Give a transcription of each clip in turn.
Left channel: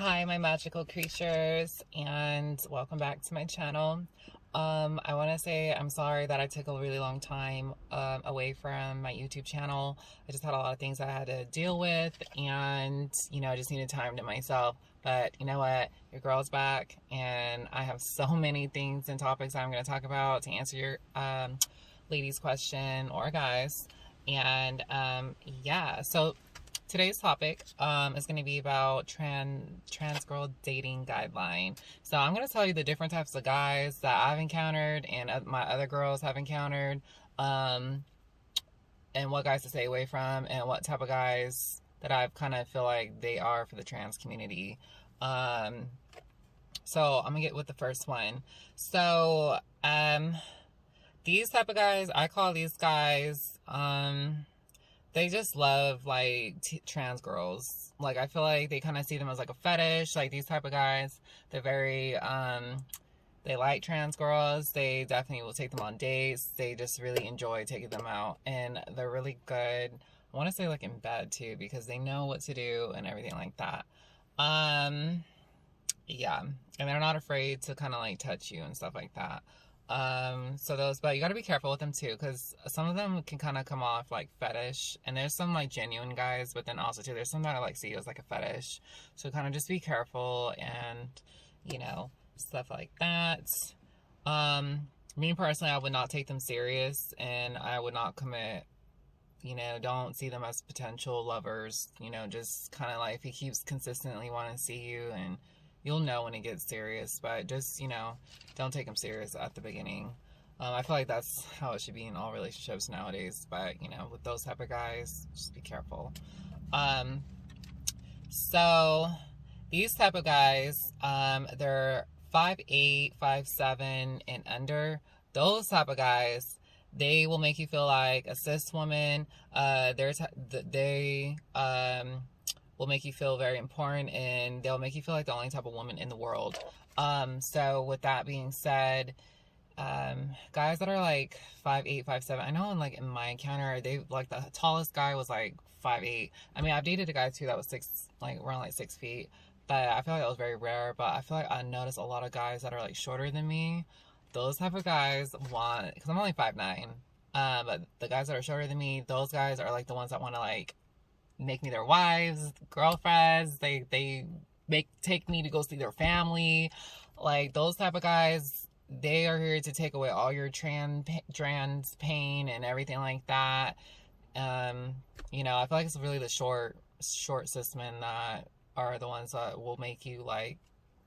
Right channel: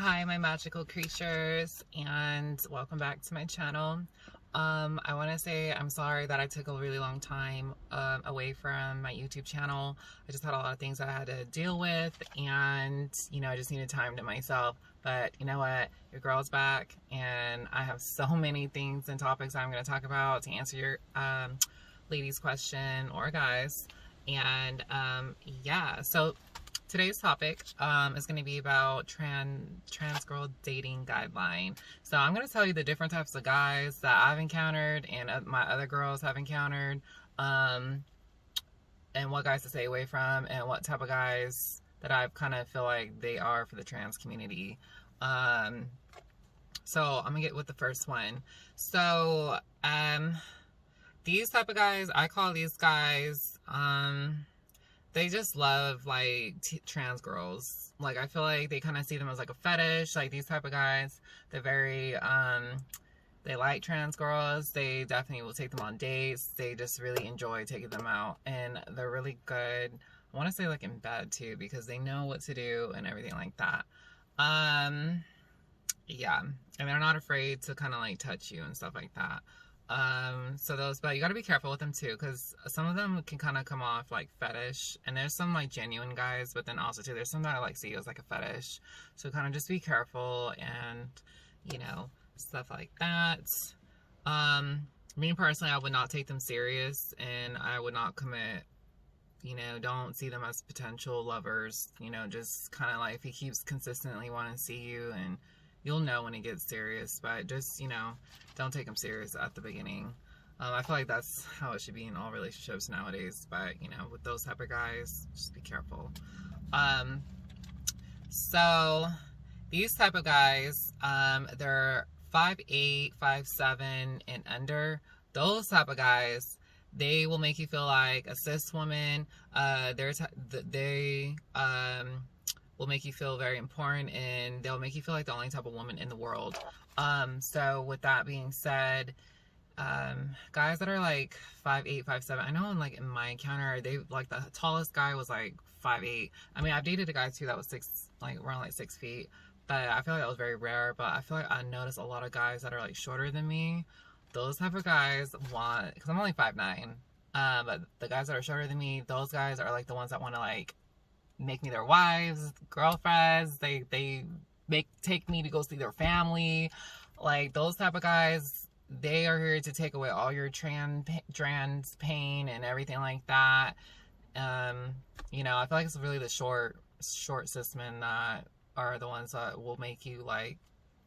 Hi, my magical creatures, and welcome back to my channel. I want to say I'm sorry that I took a really long time away from my YouTube channel. I just had a lot of things I had to deal with, and I just needed time to myself. But you know what? Your girl's back, and I have so many things and topics I'm going to talk about to answer your ladies' question or guys. And yeah, so today's topic is going to be about trans girl dating guideline. So I'm going to tell you the different types of guys that I've encountered and my other girls have encountered, and what guys to stay away from, and what type of guys that I kind of feel like they are for the trans community. So I'm gonna get with the first one. So these type of guys, I call these guys they just love like trans girls. Like I feel like they kind of see them as like a fetish. Like these type of guys, they're very they like trans girls. They definitely will take them on dates. They just really enjoy taking them out, and they're really good. I want to say like in bed too, because they know what to do and everything like that. Yeah, and they're not afraid to kind of like touch you and stuff like that. So those, but you got to be careful with them too, because some of them can kind of come off like fetish, and there's some like genuine guys, but then also too there's some that I like see as like a fetish. So kind of just be careful, and stuff like that. Me personally, I would not take them serious, and I would not commit. Don't see them as potential lovers. Just kind of like if he keeps consistently wanting to see you, and you'll know when it gets serious, but just, don't take them serious at the beginning. I feel like that's how it should be in all relationships nowadays, but, with those type of guys, just be careful. So, these type of guys, they're 5'8", 5'7", and under. Those type of guys, they will make you feel like a cis woman. They will make you feel very important, and they'll make you feel like the only type of woman in the world. So with that being said, guys that are like 5'8", 5'7", I know in my encounter, they like the tallest guy was like 5'8". I mean, I've dated a guy too that was around 6 feet, but I feel like that was very rare. But I feel like I noticed a lot of guys that are like shorter than me. Those type of guys want, because I'm only 5'9", but the guys that are shorter than me, those guys are like the ones that want to like make me their wives, girlfriends. They take me to go see their family. Like those type of guys, they are here to take away all your trans pain and everything like that. I feel like it's really the short cis men that are the ones that will make you like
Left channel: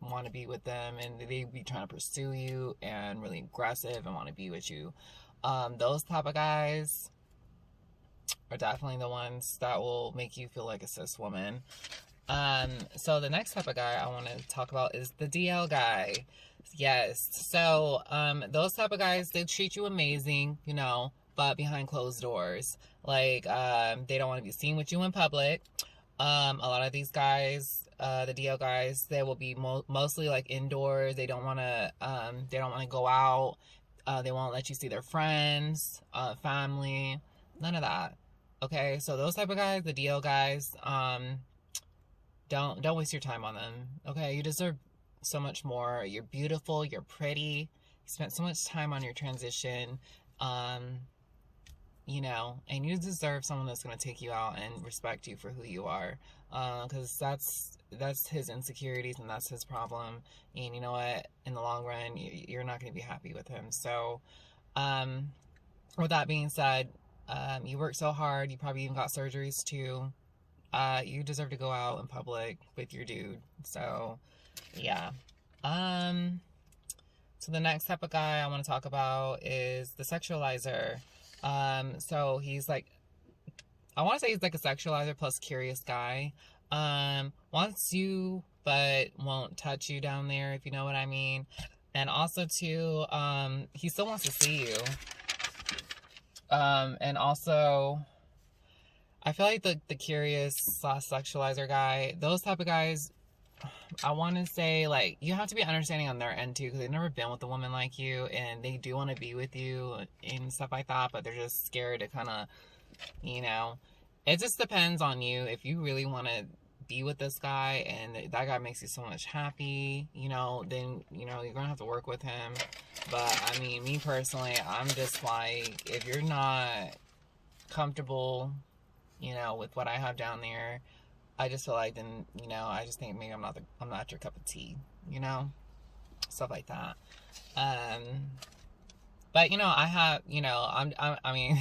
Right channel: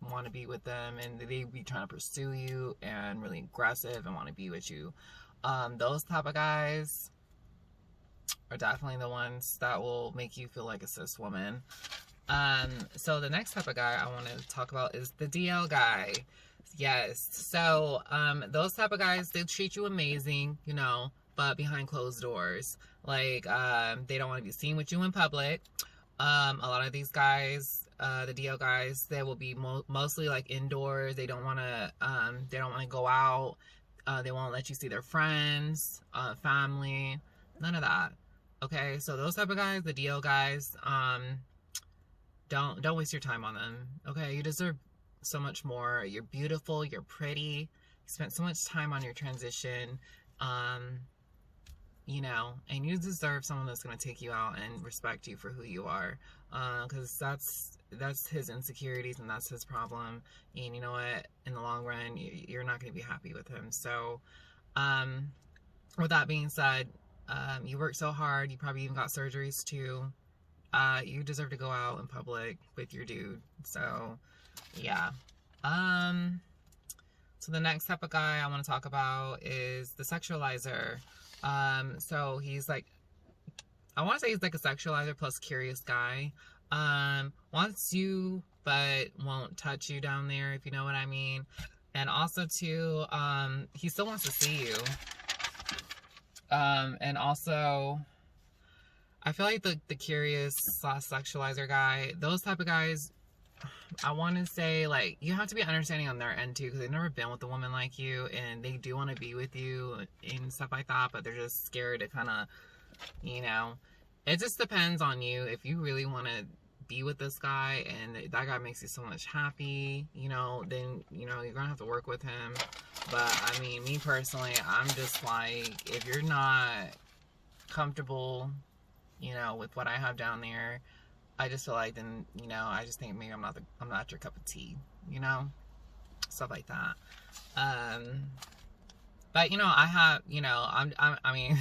want to be with them, and they be trying to pursue you and really aggressive and want to be with you. Those type of guys are definitely the ones that will make you feel like a cis woman. So the next type of guy I want to talk about is the DL guy. Yes. So those type of guys, they treat you amazing, but behind closed doors. Like they don't want to be seen with you in public. A lot of these guys, the DL guys, they will be mostly like indoors. They don't want to go out. They won't let you see their friends, family, none of that. Okay, so those type of guys, the DL guys, don't waste your time on them. Okay, you deserve so much more. You're beautiful, you're pretty, you spent so much time on your transition, and you deserve someone that's going to take you out and respect you for who you are, because that's his insecurities and that's his problem, and you know what, in the long run you're not going to be happy with him. So with that being said, you work so hard, you probably even got surgeries too. You deserve to go out in public with your dude. So yeah. So the next type of guy I want to talk about is the sexualizer. So he's like, I want to say he's like a sexualizer plus curious guy. Wants you but won't touch you down there, if you know what I mean. And also too, he still wants to see you. And also, I feel like the curious / sexualizer guy, those type of guys, I want to say, like, you have to be understanding on their end too, because they've never been with a woman like you, and they do want to be with you and stuff like that, but they're just scared to kind of, it just depends on you. If you really want to be with this guy and that guy makes you so much happy, you know, then, you know, you're gonna have to work with him. But I mean, me personally, I'm just like, if you're not comfortable, you know, with what I have down there, I just feel like, then, you know, I just think maybe I'm not your cup of tea, you know, stuff like that. But you know, I have, you know, I mean,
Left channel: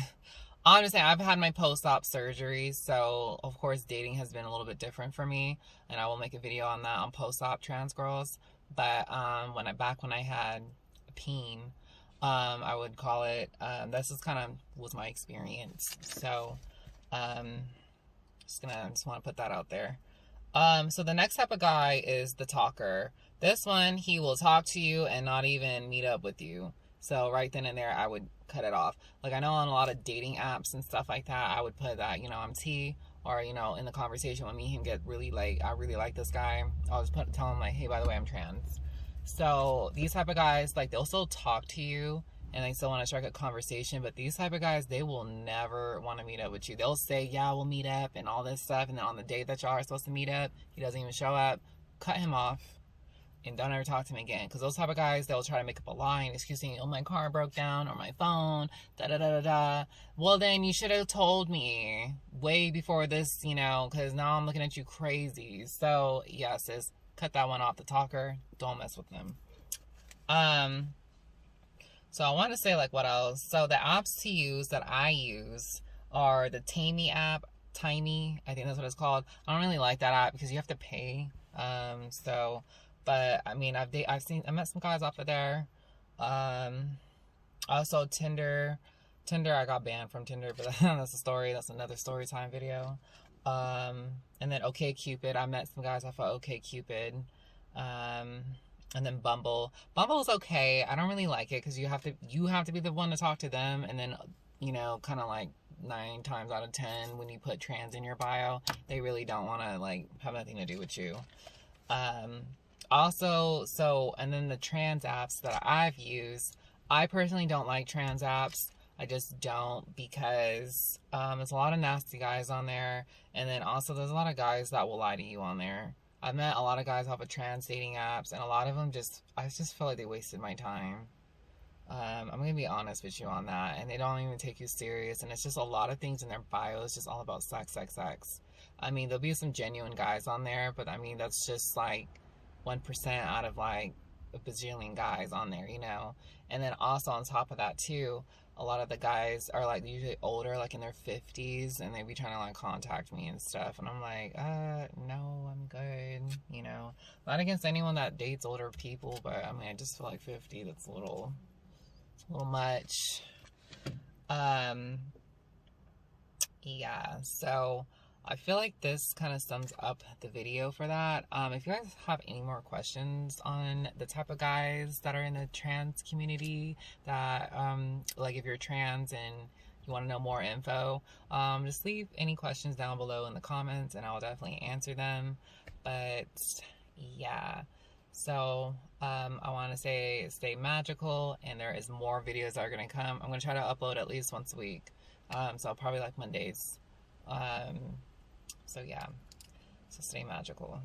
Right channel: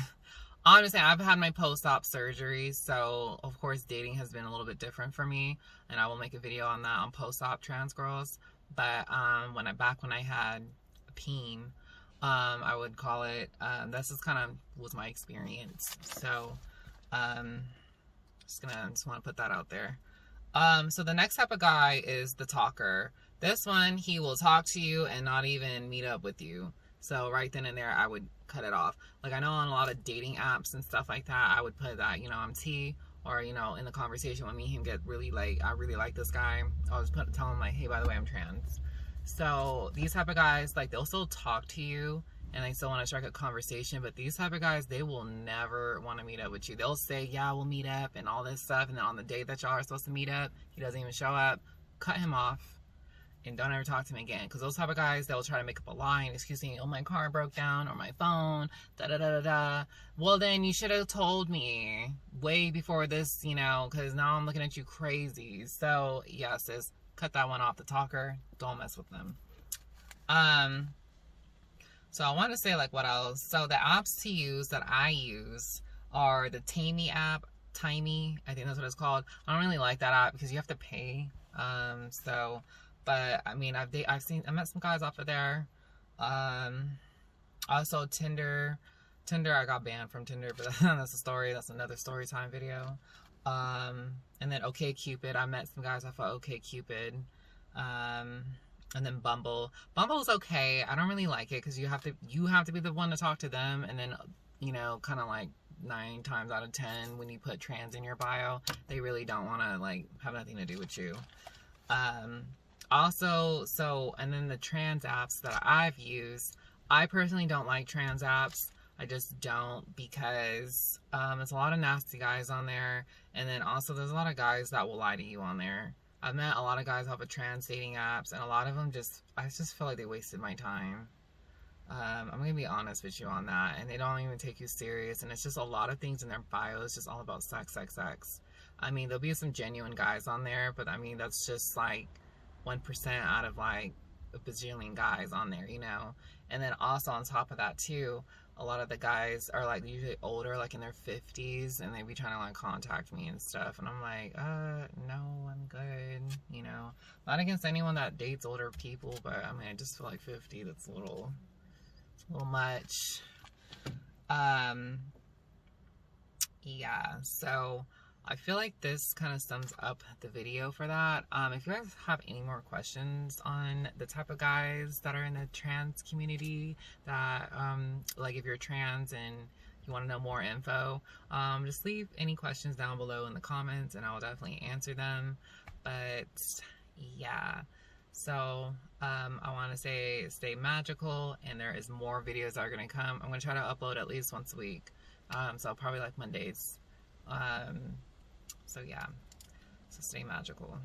honestly, I've had my post-op surgery, so of course dating has been a little bit different for me, and I will make a video on that, on post-op trans girls. But back when I had a peen, I would call it, this is kind of was my experience. So just want to put that out there. So the next type of guy is the talker. This one, he will talk to you and not even meet up with you. So right then and there, I would cut it off. Like, I know on a lot of dating apps and stuff like that, I would put that, you know, I'm T, or, you know, in the conversation when me and him get really, like, I really like this guy, I'll just tell him, like, hey, by the way, I'm trans. So these type of guys, like, they'll still talk to you and they still want to strike a conversation, but these type of guys, they will never want to meet up with you. They'll say, yeah, we'll meet up and all this stuff, and then on the day that y'all are supposed to meet up, he doesn't even show up. Cut him off and don't ever talk to me again. Because those type of guys, they'll try to make up a lie, excuse me, oh, my car broke down, or my phone, da-da-da-da-da. Well, then you should have told me way before this, you know, because now I'm looking at you crazy. So, yeah, sis, cut that one off. The talker, don't mess with them. So I want to say, like, what else? So the apps to use that I use are the Tammy app. Timey, I think that's what it's called. I don't really like that app because you have to pay. But I mean, I met some guys off of there. Also Tinder, I got banned from Tinder, but that's a story. That's another story time video. And then OkCupid, I met some guys off of OkCupid. And then Bumble. Bumble's okay. I don't really like it because you have to be the one to talk to them, and then, you know, kind of like 9 times out of 10 when you put trans in your bio, they really don't want to, like, have nothing to do with you. Also, and then the trans apps that I've used, I personally don't like trans apps. I just don't, because there's a lot of nasty guys on there, and then also there's a lot of guys that will lie to you on there. I've met a lot of guys off of trans dating apps, and a lot of them I just feel like they wasted my time. I'm gonna be honest with you on that, and they don't even take you serious, and it's just a lot of things in their bio. It's just all about sex, sex, sex. I mean, there'll be some genuine guys on there, but I mean, that's just like 1% out of like a bajillion guys on there, you know? And then also on top of that too, a lot of the guys are like usually older, like in their 50s, and they be trying to like contact me and stuff, and I'm like, no, I'm good, you know? Not against anyone that dates older people, but I mean, I just feel like 50, that's a little much. Yeah, so I feel like this kind of sums up the video for that. If you guys have any more questions on the type of guys that are in the trans community, that like if you're trans and you want to know more info, just leave any questions down below in the comments and I'll definitely answer them. But yeah, so I want to say stay magical, and there is more videos that are going to come. I'm going to try to upload at least once a week, so probably like Mondays. So yeah, so stay magical.